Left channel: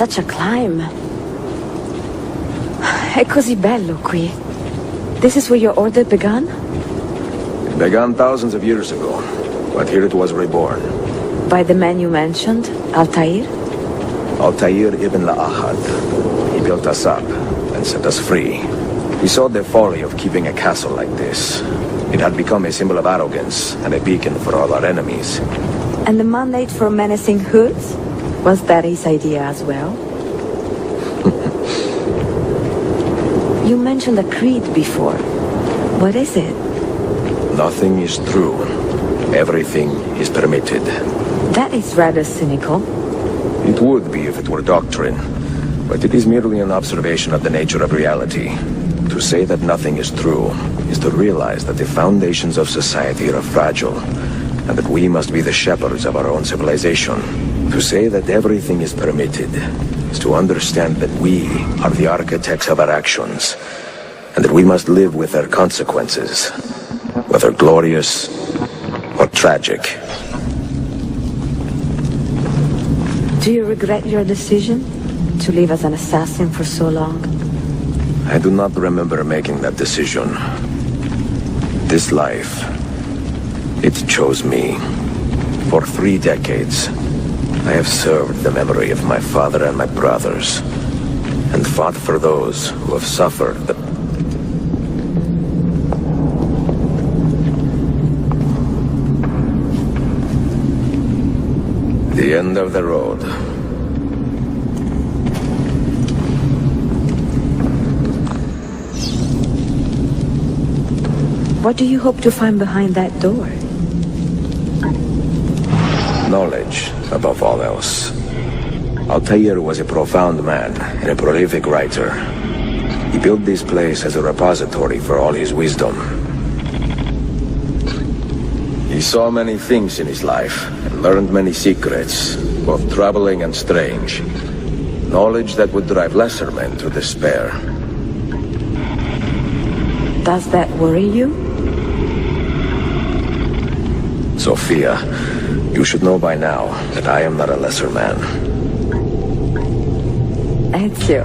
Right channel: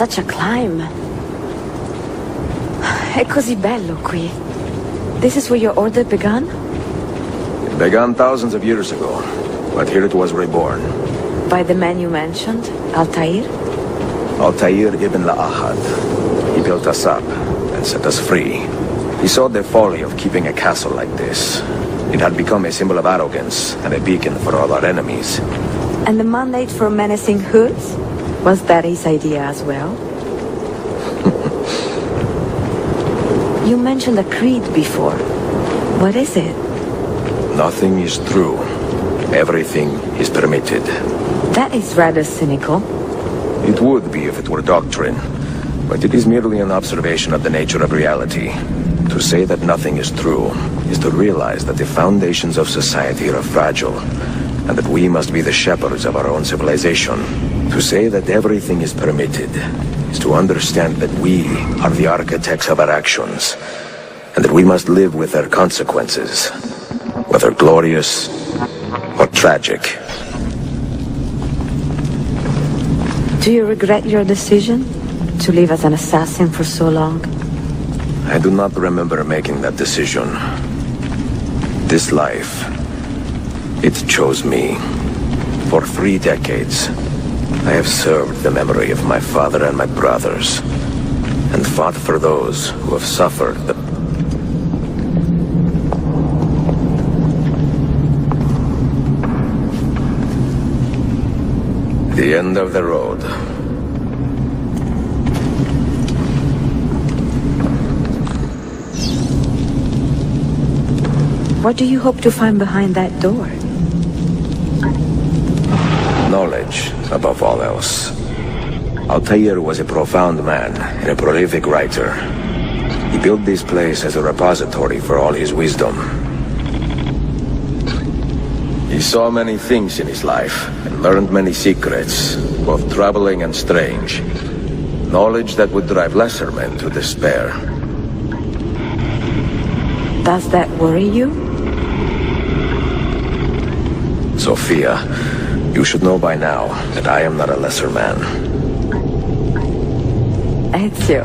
Such a climb. È così bello qui. This is where your order began? It began thousands of years ago, but here it was reborn. By the man you mentioned, Altair? Altair ibn La'ahad. He built us up and set us free. He saw the folly of keeping a castle like this. It had become a symbol of arrogance and a beacon for all our enemies. And the mandate for menacing goods? Was that his idea as well? You mentioned a creed before. What is it? Nothing is true. Everything is permitted. That is rather cynical. It would be if it were doctrine, but it is merely an observation of the nature of reality. To say that nothing is true is to realize that the foundations of society are fragile, and that we must be the shepherds of our own civilization. To say that everything is permitted is to understand that we are the architects of our actions, and that we must live with their consequences, whether glorious or tragic. Do you regret your decision to live as an assassin for so long? I do not remember making that decision. This life, it chose me. For 3 decades, I have served the memory of my father and my brothers, and fought for those who have suffered the end of the road. What do you hope to find behind that door? Knowledge, above all else. Altair was a profound man and a prolific writer. He built this place as a repository for all his wisdom. He saw many things in his life and learned many secrets, both troubling and strange. Knowledge that would drive lesser men to despair. Does that worry you? Sophia, you should know by now that I am not a lesser man. Ezio.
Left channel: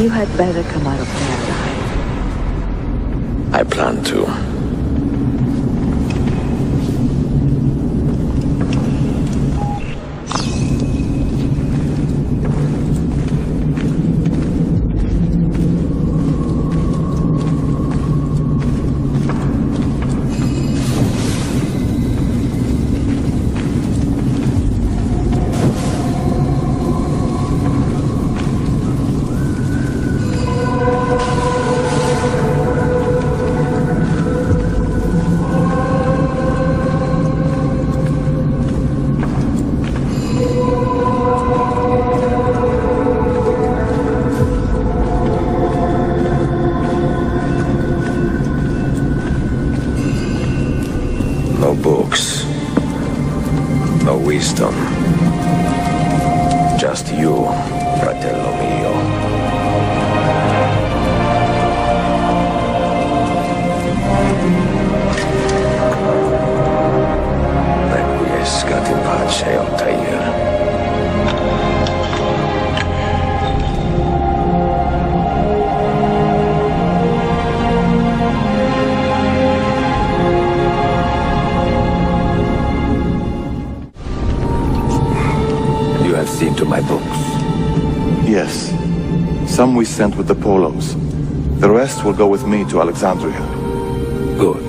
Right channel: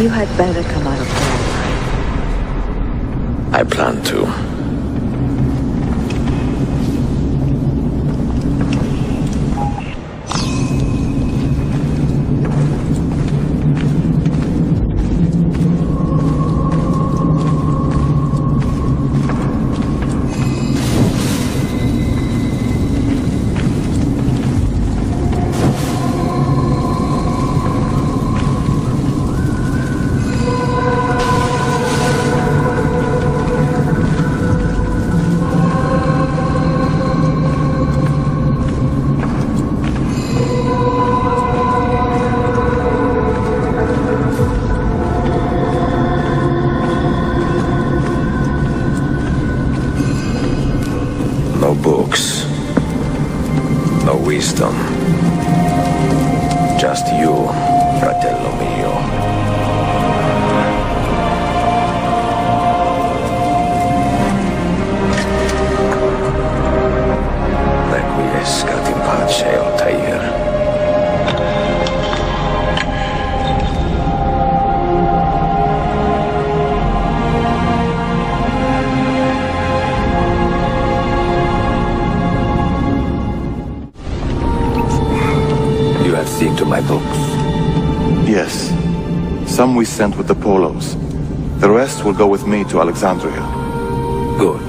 You had better come out of there alive. I plan to. No books. No wisdom. Just you, fratello mio. Requiescat in pace, Altair. You have seen to my books? Yes. Some we sent with the Polos. The rest will go with me to Alexandria. Good.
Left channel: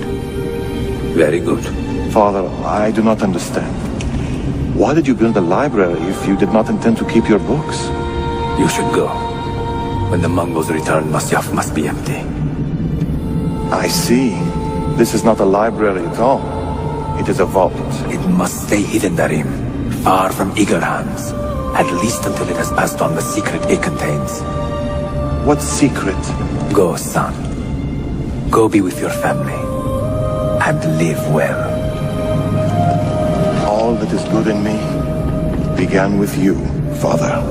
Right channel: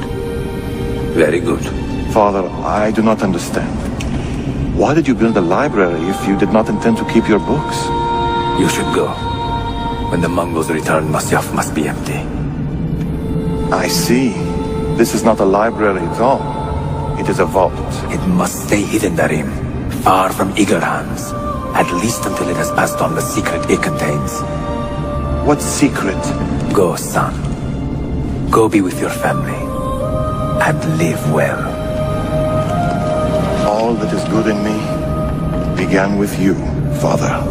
Very good. Father, I do not understand. Why did you build a library if you did not intend to keep your books? You should go. When the Mongols return, Masyaf must be empty. I see. This is not a library at all. It is a vault. It must stay hidden, Darim. Far from eager hands. At least until it has passed on the secret it contains. What secret? Go, son. Go be with your family. And live well. All that is good in me began with you, Father.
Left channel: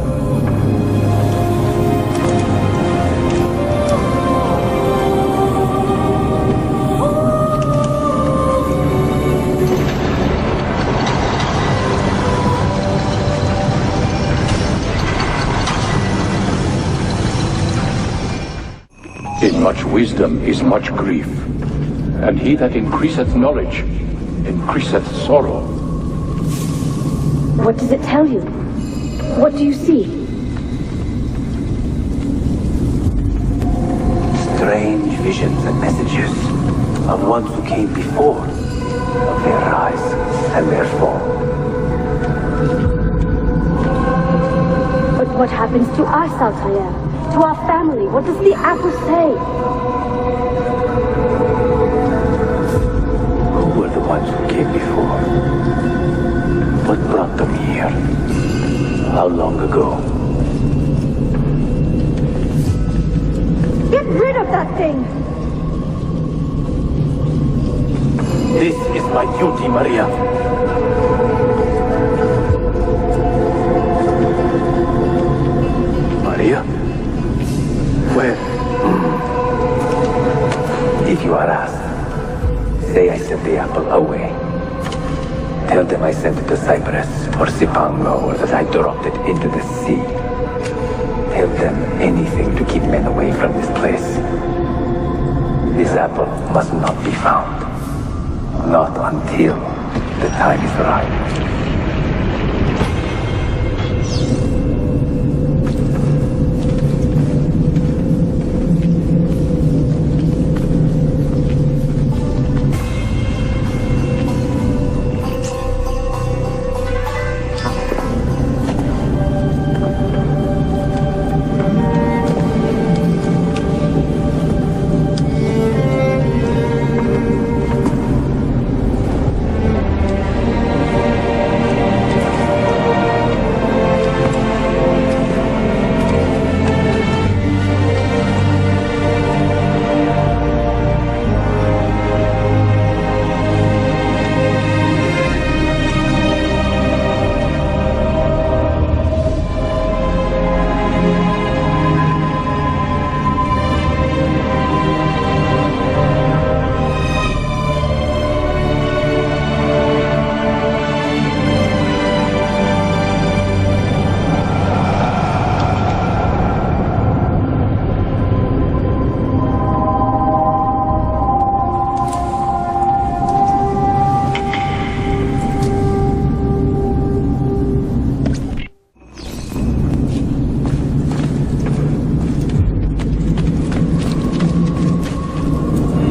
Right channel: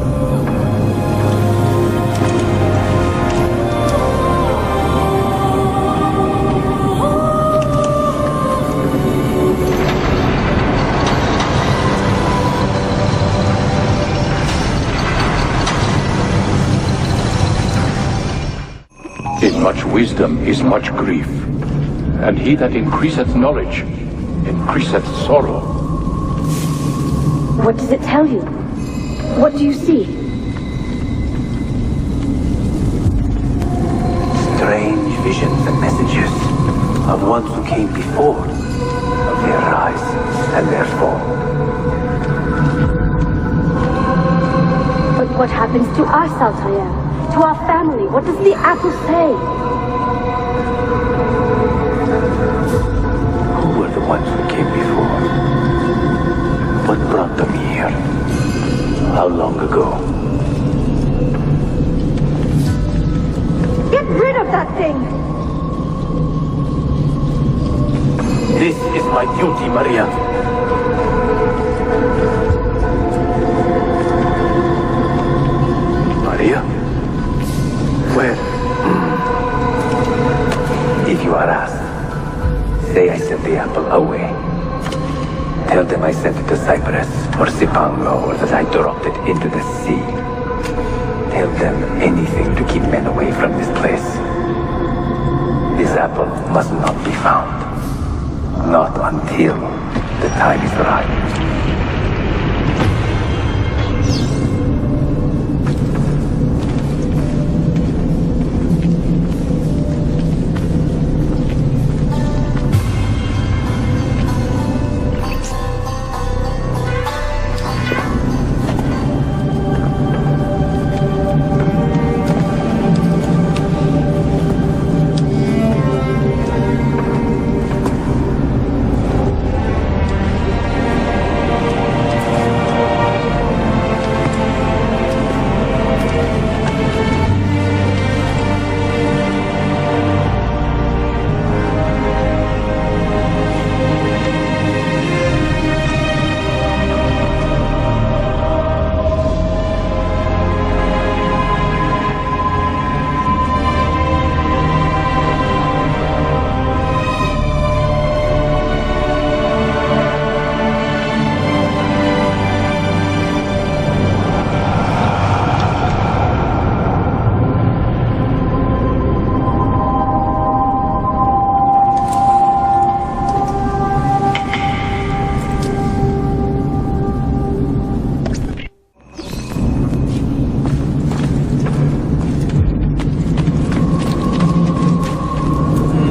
Much wisdom is much grief, and he that increaseth knowledge increaseth sorrow. What does it tell you? What do you see? Strange visions and messages of ones who came before, of their rise and their fall. But what happens to us, Altair? To our family? What does the apple say? Who were the ones who came before? What brought them here? How long ago? Get rid of that thing! This is my duty, Maria. Maria? Where? If you are asked, say I sent the apple away. Tell them I sent it to Cyprus or Cipango, or that I dropped it into the sea. Tell them anything to keep men away from this place. This apple must not be found. Not until the time is right.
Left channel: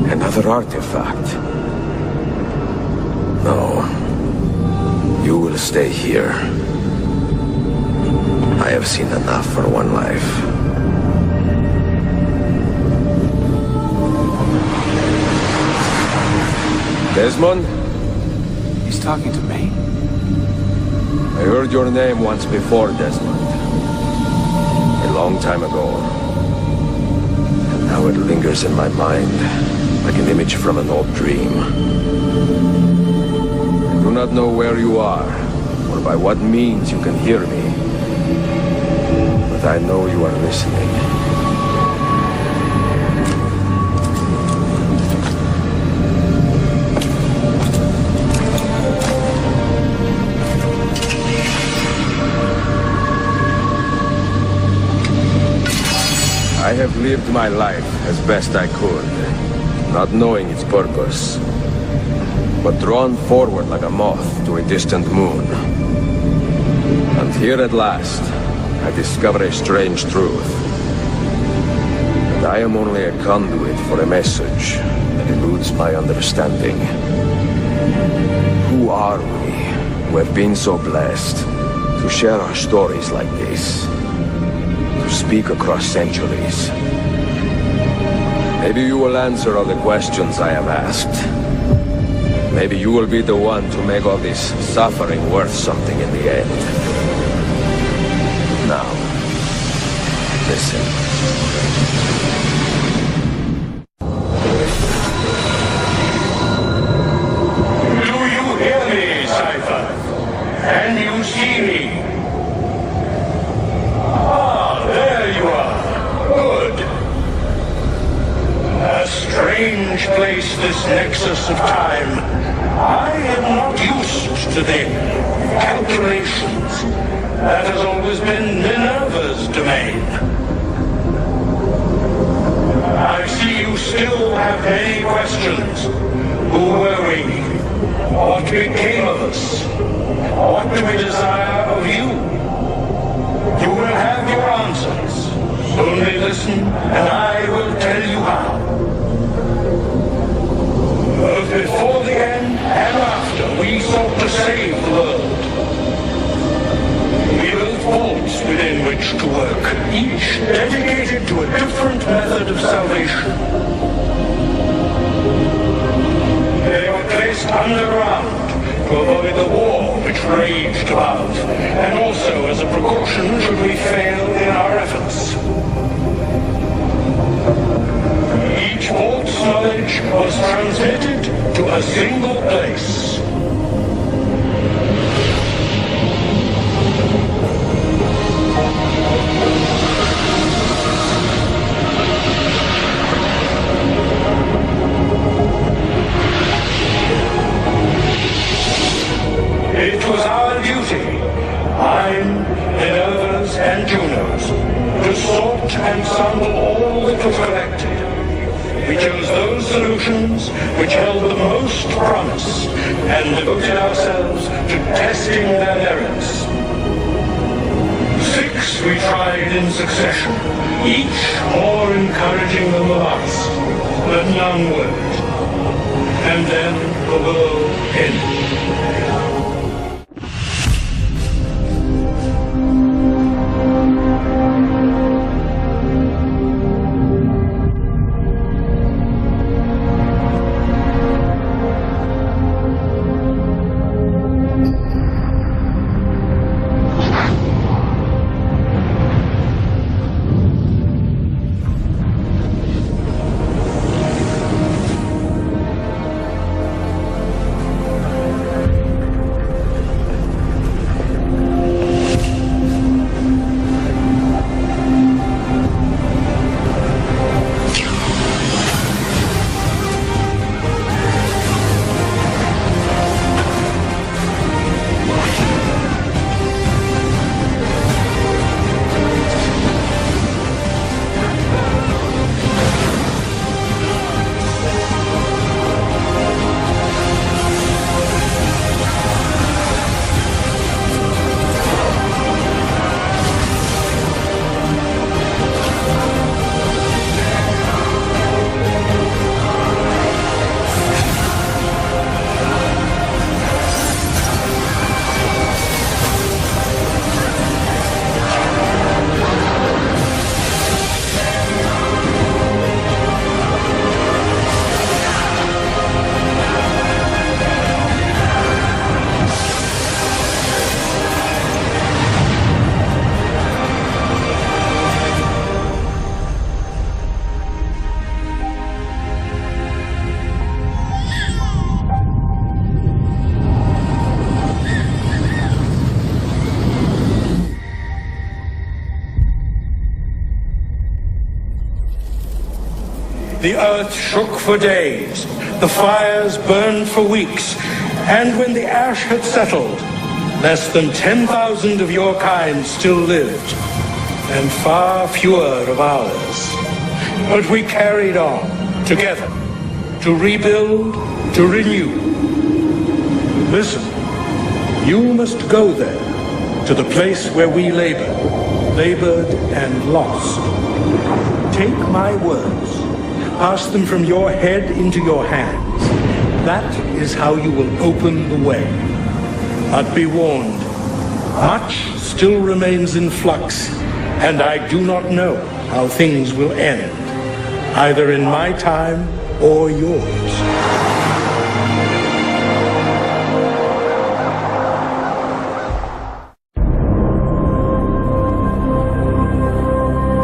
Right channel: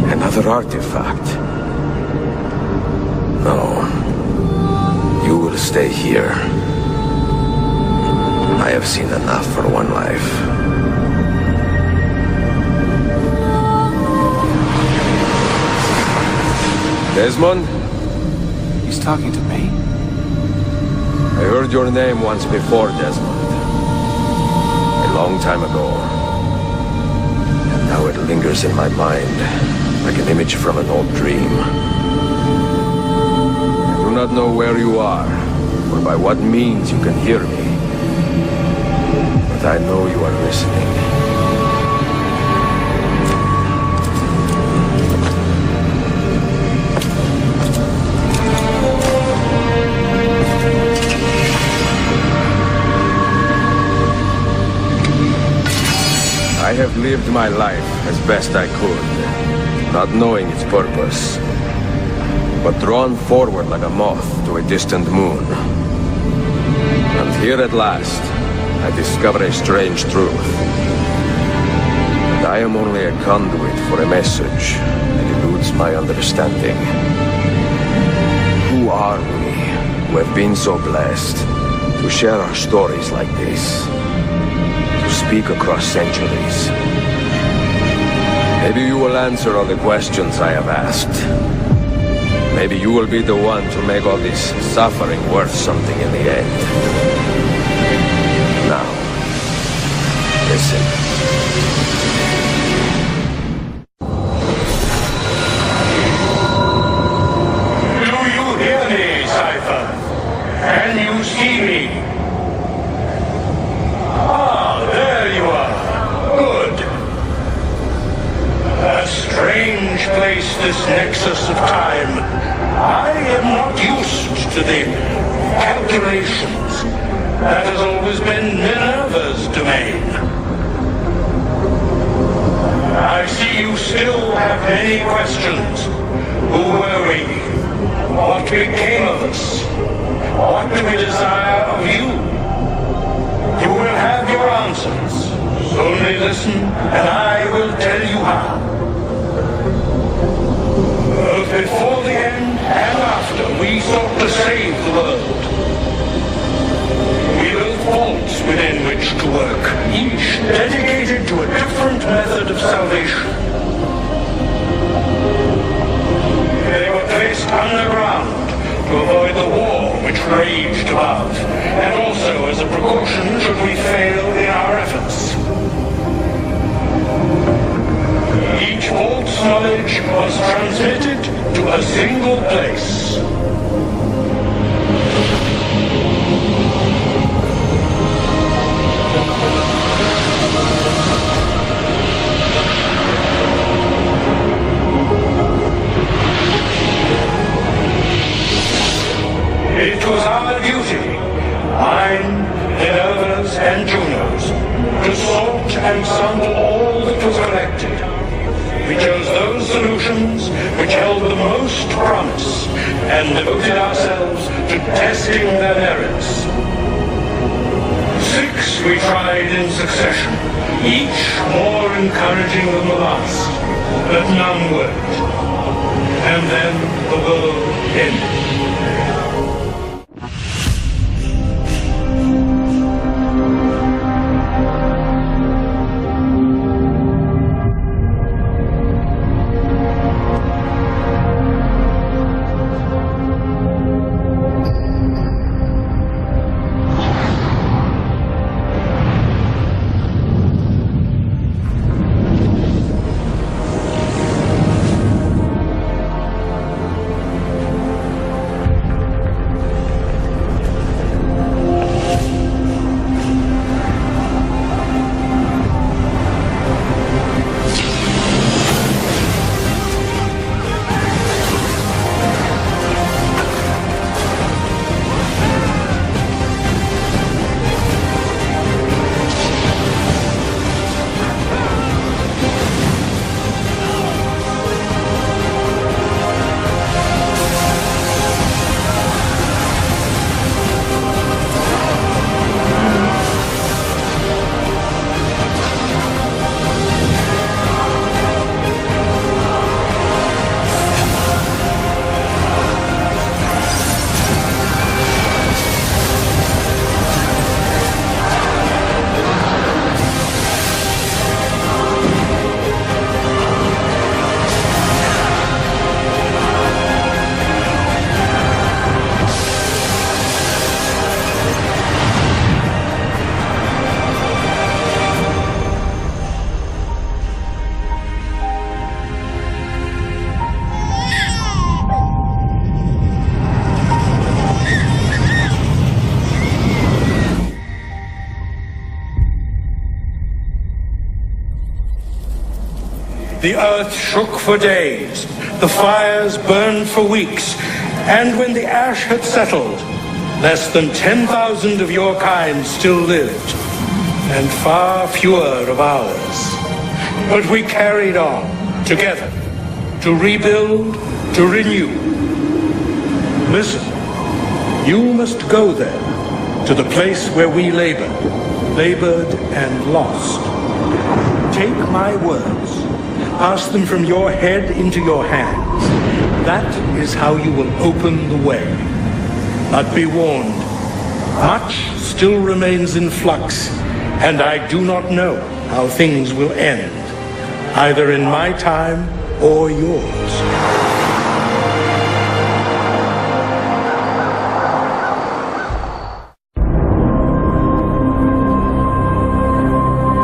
Another artifact. No. You will stay here. I have seen enough for one life. Desmond? He's talking to me? I heard your name once before, Desmond. A long time ago. And now it lingers in my mind, like an image from an old dream. I do not know where you are, or by what means you can hear me. But I know you are listening. I have lived my life as best I could, not knowing its purpose, but drawn forward like a moth to a distant moon. And here at last, I discover a strange truth. And I am only a conduit for a message that eludes my understanding. Who are we, who have been so blessed to share our stories like this? To speak across centuries. Maybe you will answer all the questions I have asked. Maybe you will be the one to make all this suffering worth something in the end. Now, listen. Do you hear me, Cypher? Can you see me? Ah, there you are. Good. A strange place, this nexus of time. I am not used to the calculations. That has always been Minerva's domain. I see still have any questions, who were we? What became of us? What do we desire of you? You will have your answers. Only listen, and I will tell you how. Both before the end and after, we sought to save the world. We built vaults within which to work, each dedicated to a different method of salvation. They were placed underground to avoid the war which raged above, and also as a precaution should we fail in our efforts. Each vault's knowledge was transmitted to a single place. It was our duty, mine, Minerva's, and Juno's, to sort and sample all that was collected. We chose those solutions which held the most promise and devoted ourselves to testing their merits. 6 we tried in succession, each more encouraging than the last, but none worked. And then the world ended. The earth shook for days, the fires burned for weeks, and when the ash had settled, less than 10,000 of your kind still lived, and far fewer of ours. But we carried on, together, to rebuild, to renew. Listen, you must go there, to the place where we labored and lost. Take my words. Pass them from your head into your hands. That is how you will open the way. But be warned, much still remains in flux, and I do not know how things will end, either in my time or yours.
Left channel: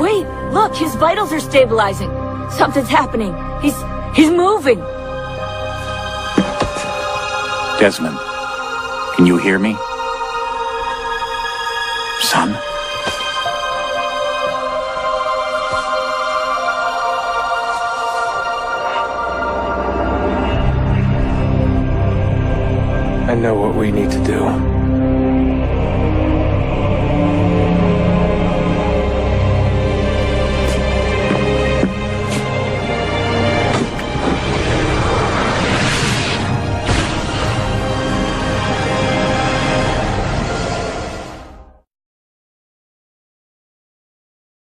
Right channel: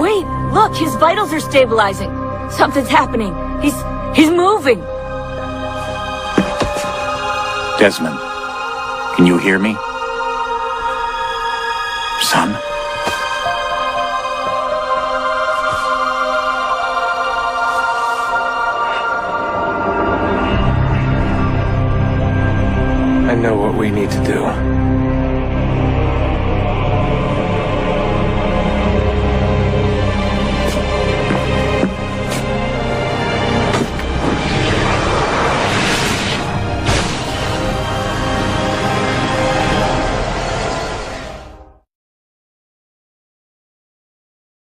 Wait, look, his vitals are stabilizing. Something's happening. He's moving. Desmond, can you hear me? Son? I know what we need to do.